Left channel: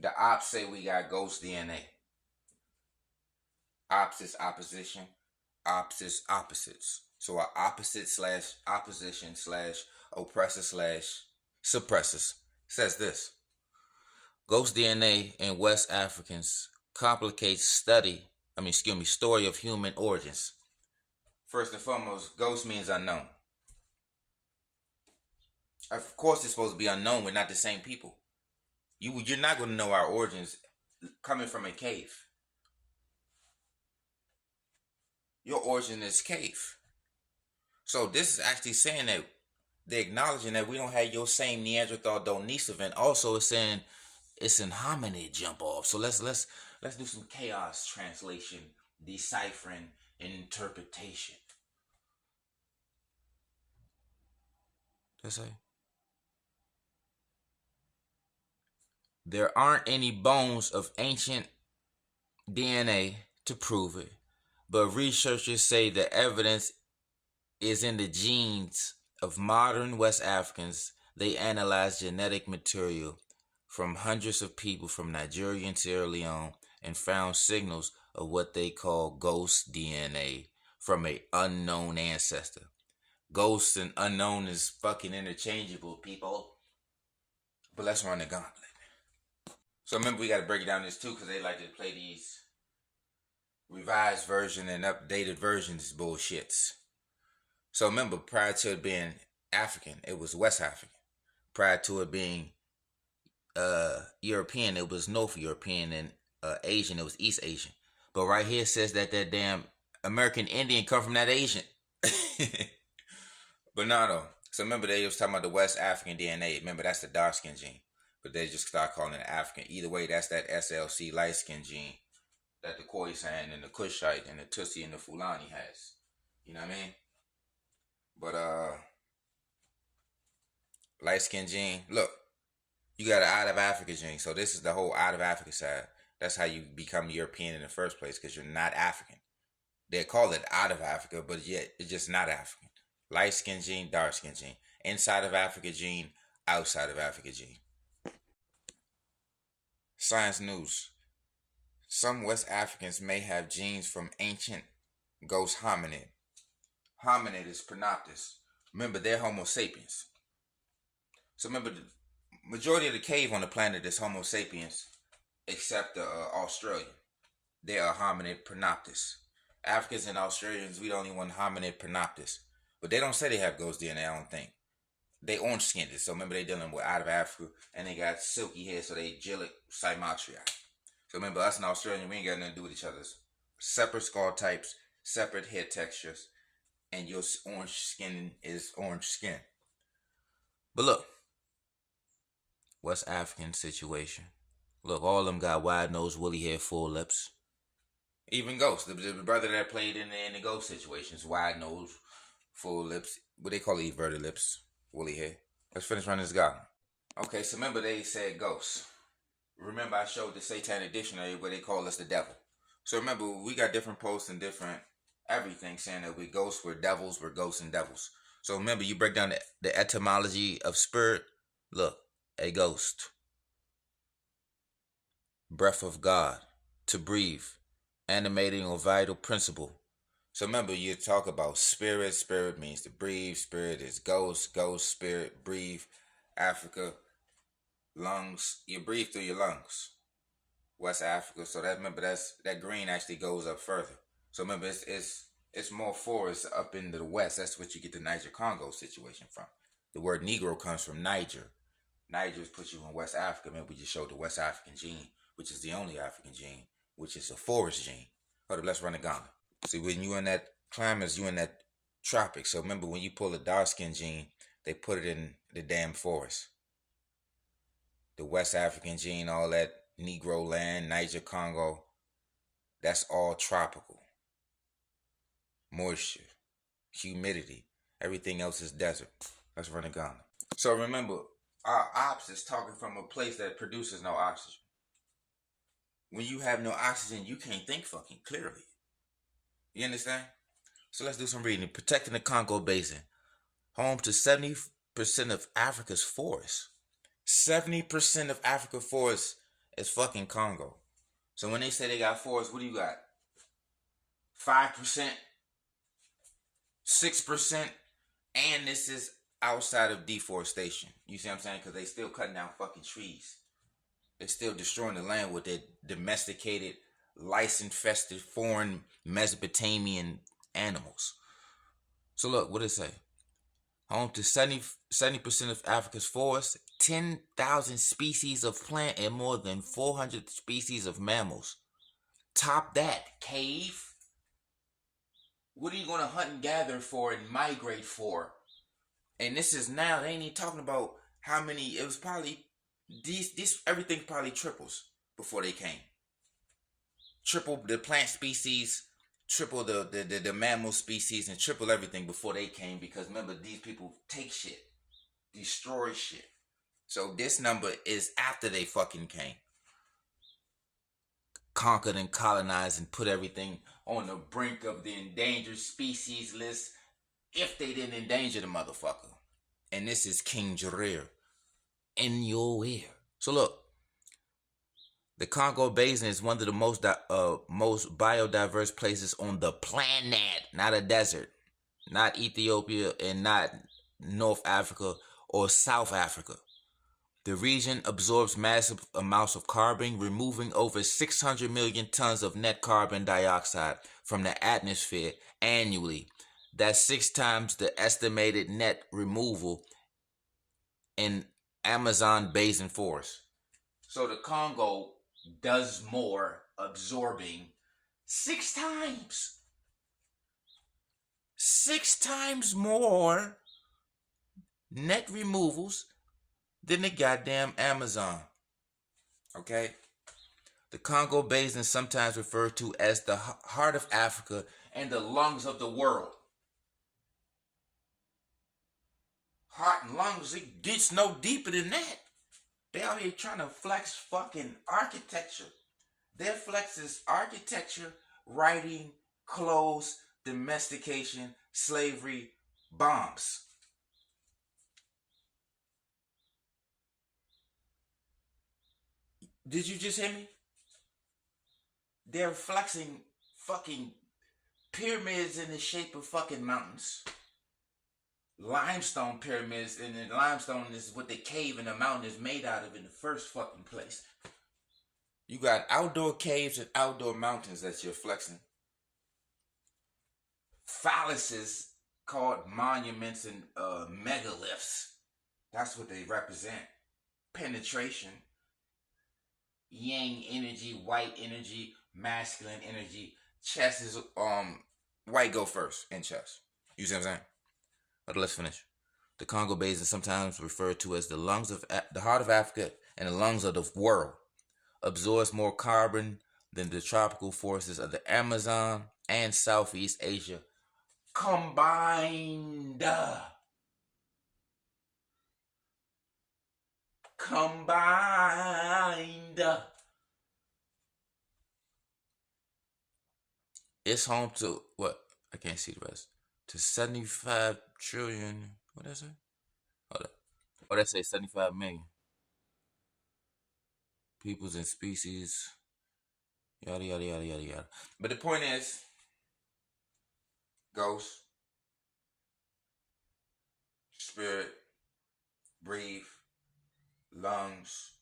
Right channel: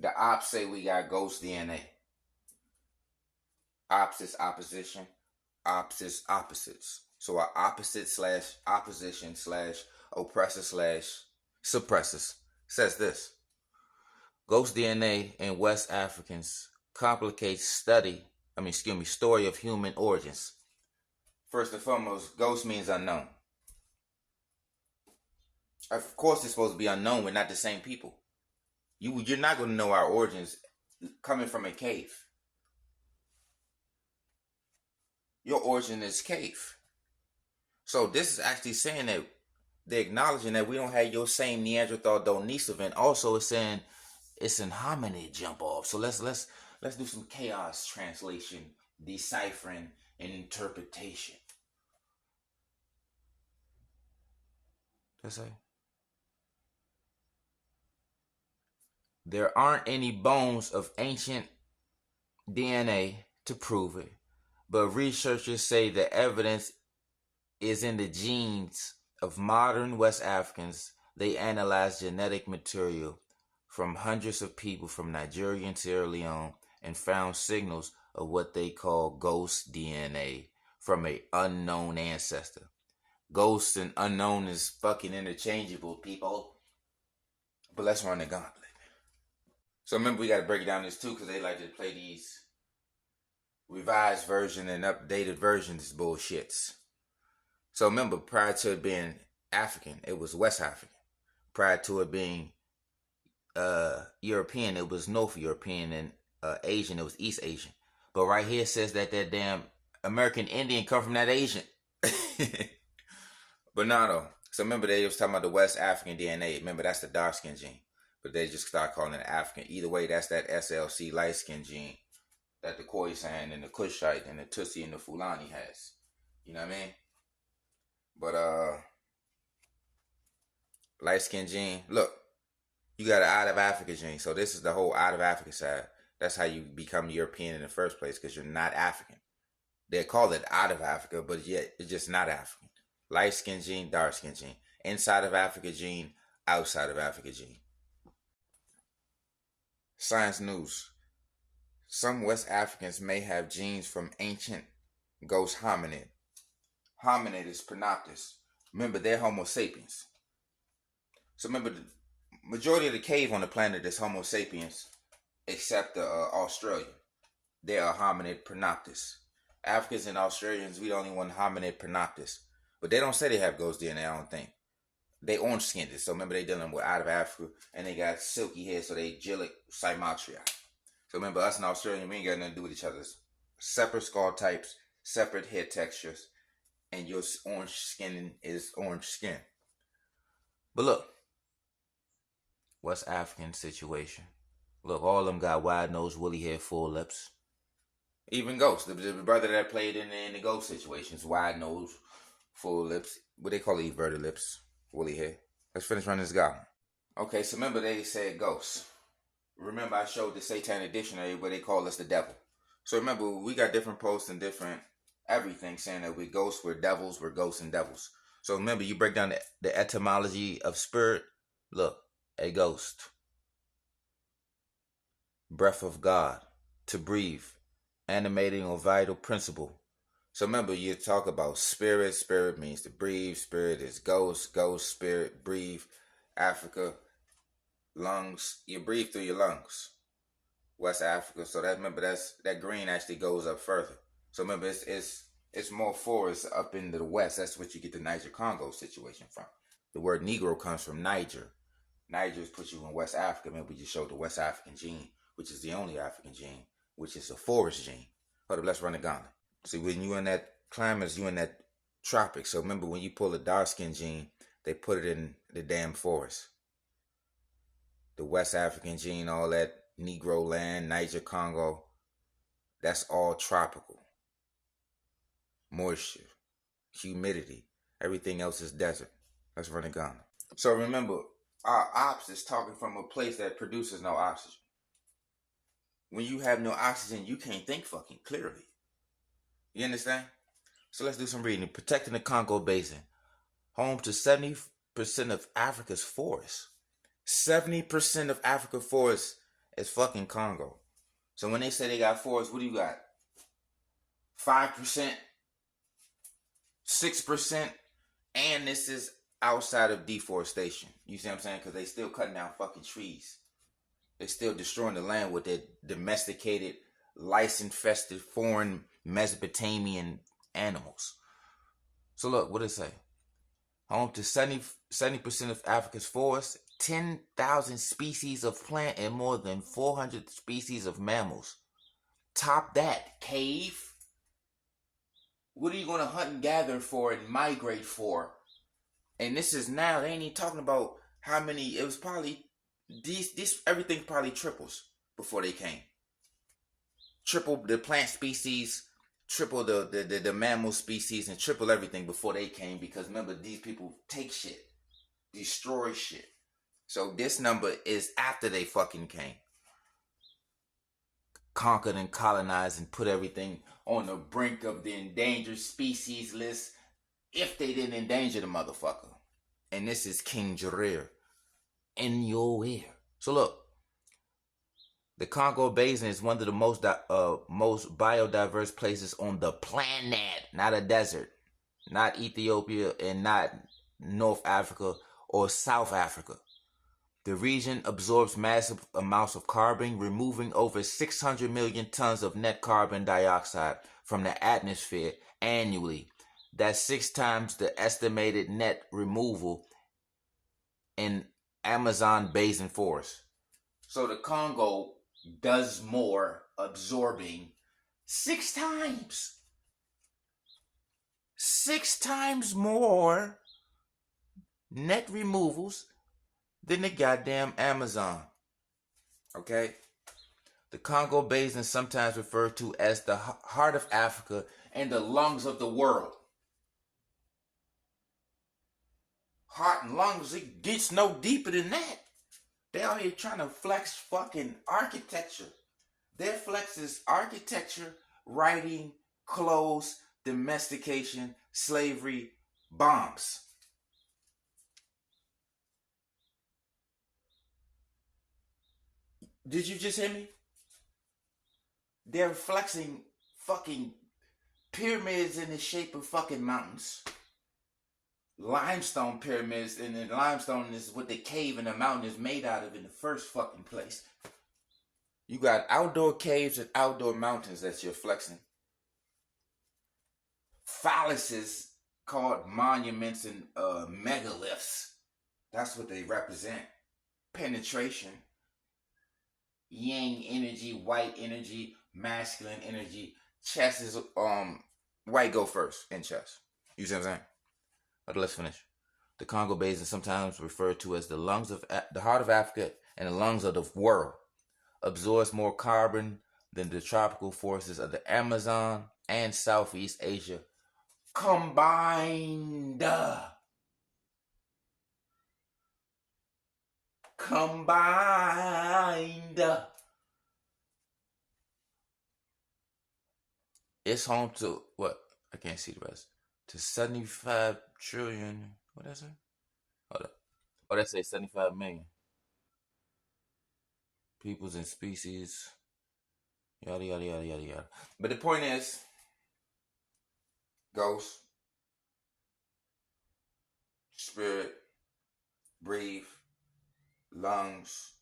The ops say we got ghost DNA. Ops is opposition. Ops is opposites. So our opposite slash opposition slash oppressor slash suppressors says this. Ghost DNA in West Africans complicates story of human origins. First and foremost, ghost means unknown. Of course, it's supposed to be unknown. We're not the same people. You're not going to know our origins coming from a cave. Your origin is cave. So this is actually saying that they're acknowledging that we don't have your same Neanderthal Denisovans. Also, it's saying it's an hominid jump off. So let's do some chaos translation, deciphering, and interpretation. Let's say there aren't any bones of ancient DNA to prove it, but researchers say the evidence is in the genes of modern West Africans. They analyzed genetic material from hundreds of people from Nigeria and Sierra Leone and found signals of what they call ghost DNA from an unknown ancestor. Ghost and unknown is fucking interchangeable, people. But let's run the gauntlet. So remember, we got to break down this too, because they like to play these revised version and updated versions bullshits. So remember, prior to it being African, it was West African. Prior to it being European, it was North European, and Asian, it was East Asian. But right here it says that damn American Indian come from that Asian. But no, no. So remember, they was talking about the West African DNA. Remember, that's the dark skin gene. But they just start calling it African. Either way, that's that SLC light skin gene that the Khoisan and the Kushite and the Tutsi and the Fulani has. You know what I mean? But light skin gene, look, you got an out of Africa gene. So this is the whole out of Africa side. That's how you become European in the first place, because you're not African. They call it out of Africa, but yet it's just not African. Light skin gene, dark skin gene. Inside of Africa gene, outside of Africa gene. Science news. Some West Africans may have genes from ancient ghost hominid. Hominid is Pronoptus. Remember, they're Homo sapiens. So remember, the majority of the cave on the planet is Homo sapiens, except the Australian. They're a hominid Pronoptus. Africans and Australians, we the only one hominid Pronoptus. But they don't say they have ghost DNA, I don't think. They orange skinned it. So remember, they dealing with out of Africa, and they got silky hair, so they gelic Cymatria. So remember, us and Australian, we ain't got nothing to do with each other. Separate skull types, separate hair textures, and your orange skin is orange skin. But look, West African situation. Look, all of them got wide nose, woolly hair, full lips. Even Ghost, the brother that played in the Ghost situations, wide nose, full lips. What they call it, everted lips, woolly hair. Let's finish running this guy. Okay, so remember they said ghosts. Remember I showed the Satanic Dictionary where they call us the devil. So remember, we got different posts and different everything saying that we're ghosts, we're devils, we're ghosts and devils. So remember, you break down the etymology of spirit. Look, a ghost. Breath of God, to breathe, animating or vital principle. So remember, you talk about spirit. Spirit means to breathe. Spirit is ghost. Ghost, spirit, breathe. Africa, lungs. You breathe through your lungs. West Africa. So that, remember, that green actually goes up further. So remember, it's more forest up into the west. That's what you get the Niger-Congo situation from. The word Negro comes from Niger. Niger puts you in West Africa. Remember, we just showed the West African gene, which is the only African gene, which is a forest gene. Hold up, let's run the gauntlet. See, when you in that climate, you in that tropic. So remember, when you pull the dark skin gene, they put it in the damn forest. The West African gene, all that Negro land, Niger, Congo, that's all tropical. Moisture, humidity, everything else is desert. Let's run the gauntlet. So remember, our ops is talking from a place that produces no oxygen. When you have no oxygen, you can't think fucking clearly. You understand? So let's do some reading. Protecting the Congo Basin, home to 70% of Africa's forests. 70% of Africa's forests is fucking Congo. So when they say they got forests, what do you got? 5%, 6%, and this is outside of deforestation. You see what I'm saying? Because they still cutting down fucking trees. They're still destroying the land with their domesticated, lice-infested, foreign Mesopotamian animals. So look, what did it say? Home to 70% of Africa's forests, 10,000 species of plant, and more than 400 species of mammals. Top that, cave. What are you going to hunt and gather for and migrate for? And this is now, they ain't even talking about how many, it was probably, everything probably triples before they came. Triple the plant species, triple the mammal species, and triple everything before they came, because remember, these people take shit, destroy shit. So this number is after they fucking came. Conquered and colonized and put everything on the brink of the endangered species list if they didn't endanger the motherfucker. And this is King Jarir in your ear. So look, the Congo Basin is one of the most biodiverse places on the planet, not a desert, not Ethiopia and not North Africa or South Africa. The region absorbs massive amounts of carbon, removing over 600 million tons of net carbon dioxide from the atmosphere annually. That's 6 times the estimated net removal in Amazon basin forest. So the Congo does more absorbing 6 times. 6 times more net removals than the goddamn Amazon. Okay? The Congo Basin is sometimes referred to as the heart of Africa and the lungs of the world. Heart and lungs, it gets no deeper than that. They out here trying to flex fucking architecture. Their flex is architecture, writing, clothes, domestication, slavery, bombs. Did you just hear me? They're flexing fucking pyramids in the shape of fucking mountains. Limestone pyramids, and the limestone is what the cave and the mountain is made out of in the first fucking place. You got outdoor caves and outdoor mountains that you're flexing. Phalluses called monuments and megaliths. That's what they represent. Penetration. Yang energy, white energy, masculine energy. Chess is white go first in chess. You see what I'm saying? But let's finish. The Congo Basin is sometimes referred to as the lungs of the heart of Africa and the lungs of the world. Absorbs more carbon than the tropical forests of the Amazon and Southeast Asia combined. It's home to what? I can't see the rest. To 75 trillion. What is it? Hold up. Oh, that say 75 million. Peoples and species. Yada, yada, yada, yada, yada. But the point is, ghost, spirit, breathe, lungs,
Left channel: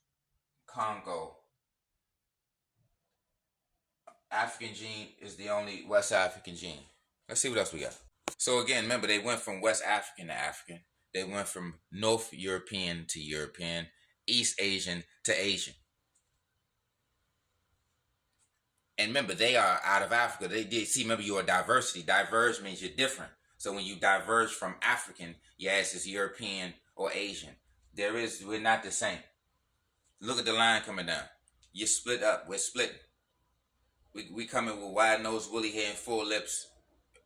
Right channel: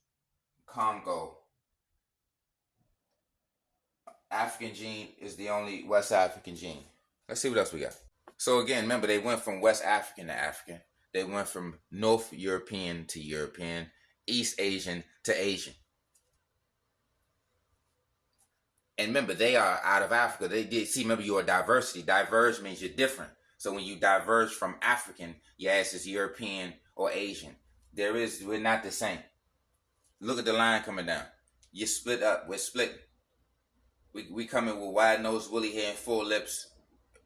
Congo. African gene is the only West African gene. Let's see what else we got. So again, remember, they went from West African to African. They went from North European to European, East Asian to Asian. And remember, they are out of Africa. They did see, remember, you're a diversity. Diverge means you're different. So when you diverge from African, your ass is European or Asian. We're not the same. Look at the line coming down. You split up. We're splitting. We coming with wide nose, woolly hair, and full lips,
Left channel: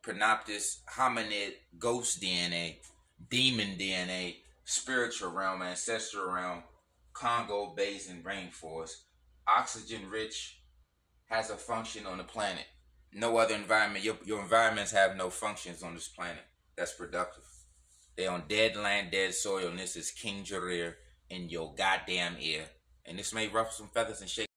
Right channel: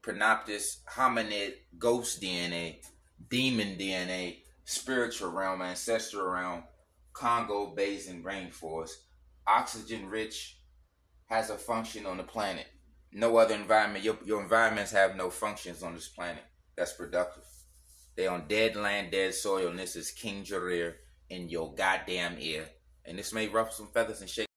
Pronoptis, hominid, ghost DNA, demon DNA, spiritual realm, ancestral realm, Congo Basin rainforest, oxygen rich, has a function on the planet. No other environment, your environments have no functions on this planet that's productive. They on dead land, dead soil, and this is King Jarir in your goddamn ear. And this may ruffle some feathers and shake